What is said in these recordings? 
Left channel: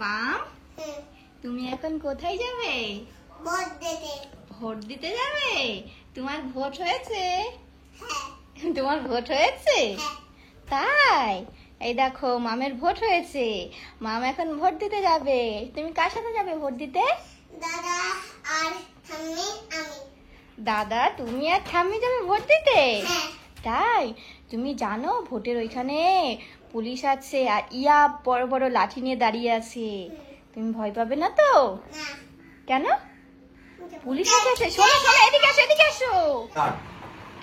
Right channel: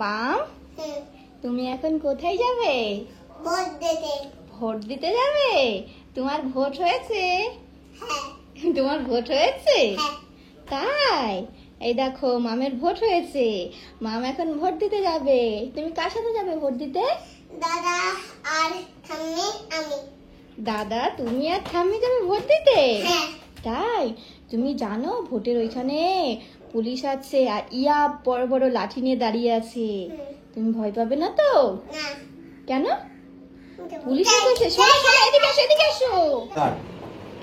মা, তুমি এখন কোথায় যাবে? ভোট দিতে যাবে? তোমার ভোট হয়েছে? তোমার ভোট হয়েছে? তাই? এই দেখো, মামের ভোট হয়েছে। মাম এখন ভোট দিতে যাবে। তুমি কার সাথে যাবে ভোট দিতে? দাদা আর ঠাম্মি, আমি। দাদা, তুমি আর ঠাম্মি যাবে ভোট দিতে? হ্যাঁ। তাই? তুমি জানো ভোটের ওইখানে পুলিশ আছে আর বড় বড় লাঠি নিয়ে দাঁড়িয়ে আছে। তুমি ভয় পাবে না তো? না। কেন? পুলিশ এসেছে। শোনো শোনো, এদিকে আসো, এদিকে আসো।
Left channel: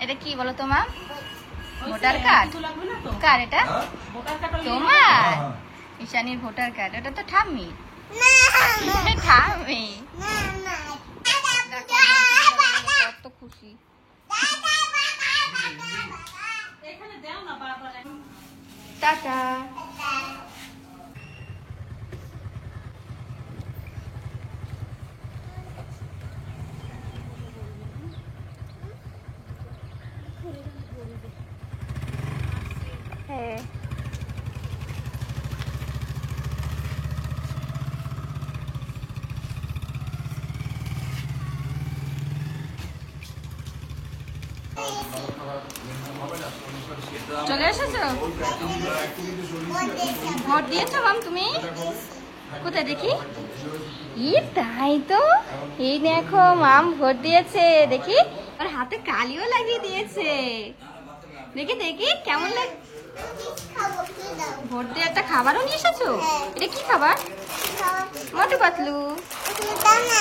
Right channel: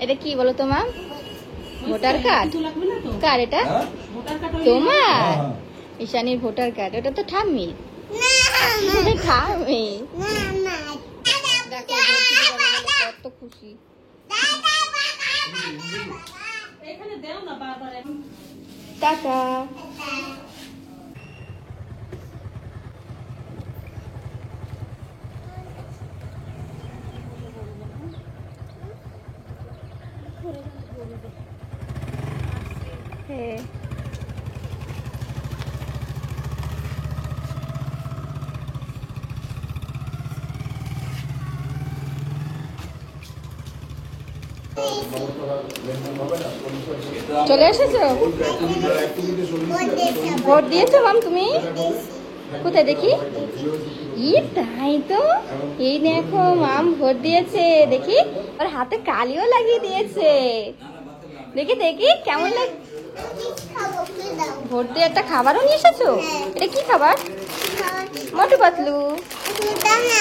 এটা কি বলো তোমার? Voter card? কার এটা? তোমার? ঈশানীর ভোটার কার্ড। ওটা তো ঠাম্মি। না, ঠাম্মি না, না। কত খুশি। টাটা। হ্যাঁ। চলে এসেছো? ভোট দিয়েছো মাম তুমি? কোথায় দেখি? তাই তো। এই দেখো, মাম ভোট দিয়েছে। দেখি, ওর হাতে কালিও লাগিয়ে দিয়েছে। দেখি দেখি কেমন লাগে। ভোট দিয়ে একটা খাবারও নিয়ে এসেছো? এটা কি খাবার? মোটু পাতলু। না, না।